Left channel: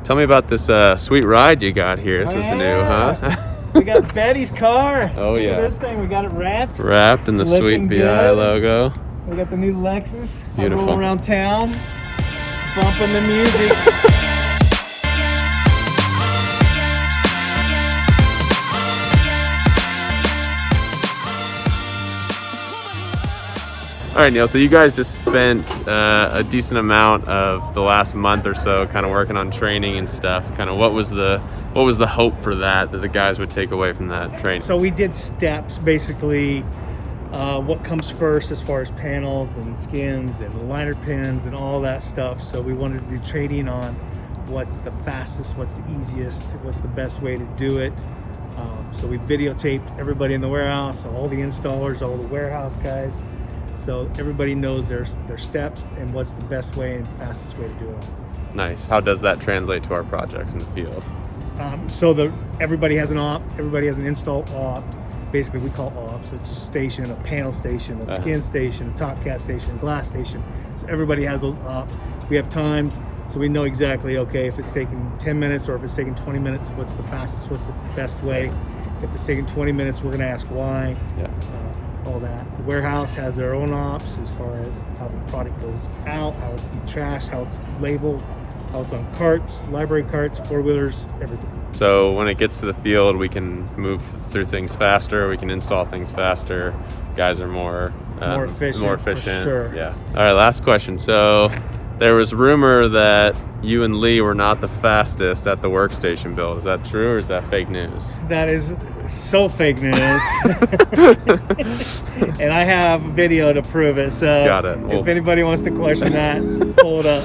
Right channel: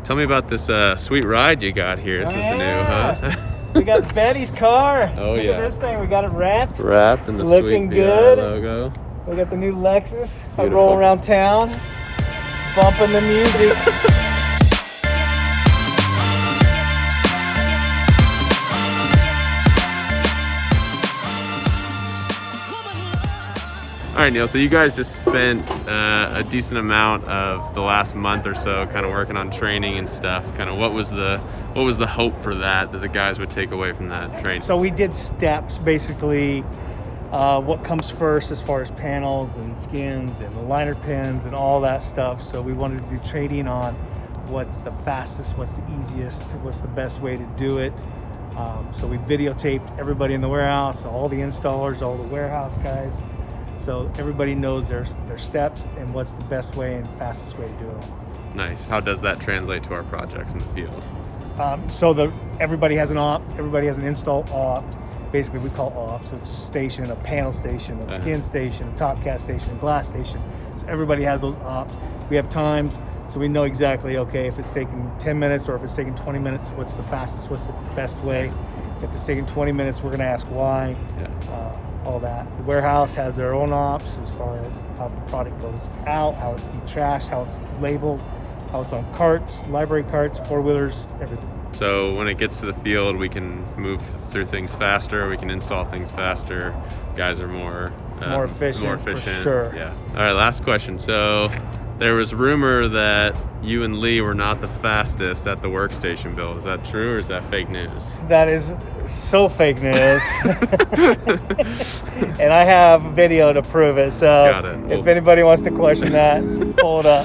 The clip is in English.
Tell me about this sweet ride you got here. This is new, huh? We got Betty's car. Oh, Look yeah. at this thing. We got it wrapped. Wrapped in the Looking sweet BI good. logo. We got the new Lexus. I'm Beautiful. rolling around town, bumping the music. All right, Neil, so you guys just spent a decent amount of the last month or so kind of working on training and stuff. Kind of what was the hope for that the guys would take away from that training? So we did steps, basically what comes first as far as panels and skins and liner pins and all that stuff. So we wanted to do training on what's the fastest, what's the easiest, what's the best way to do it. So we videotaped everybody in the warehouse, all the installers, all the warehouse guys. So everybody knows their steps and what's the best way and fastest way to do it. Nice. How does that translate to our projects in the field? Everybody has an op, everybody has an install op. Basically we call ops. It's a station, a panel station, a skin station, a top cast station, glass station. So everybody has those ops. We have times, so we know exactly, okay, if it's taking 10 minutes or if it's taking 20 minutes, what's the fastest, what's the best way. If it's taking 20 minutes, we're gonna ask why. All that. The warehouse has their own ops as far as how the product goes out, how it's detrashed, how it's labeled, how it's on carts, library carts, four-wheelers, everything. So when it gets to the field, we can move through things faster, we can install things faster. Guys are more efficient. For sure. Yeah. All right, last question. So there was rumor that you and Lee were not the fastest at the workstation build. Is that true or is that fake news? That is so fake news. And I have video to prove it. So got it. If anybody wants to question that, pull it up.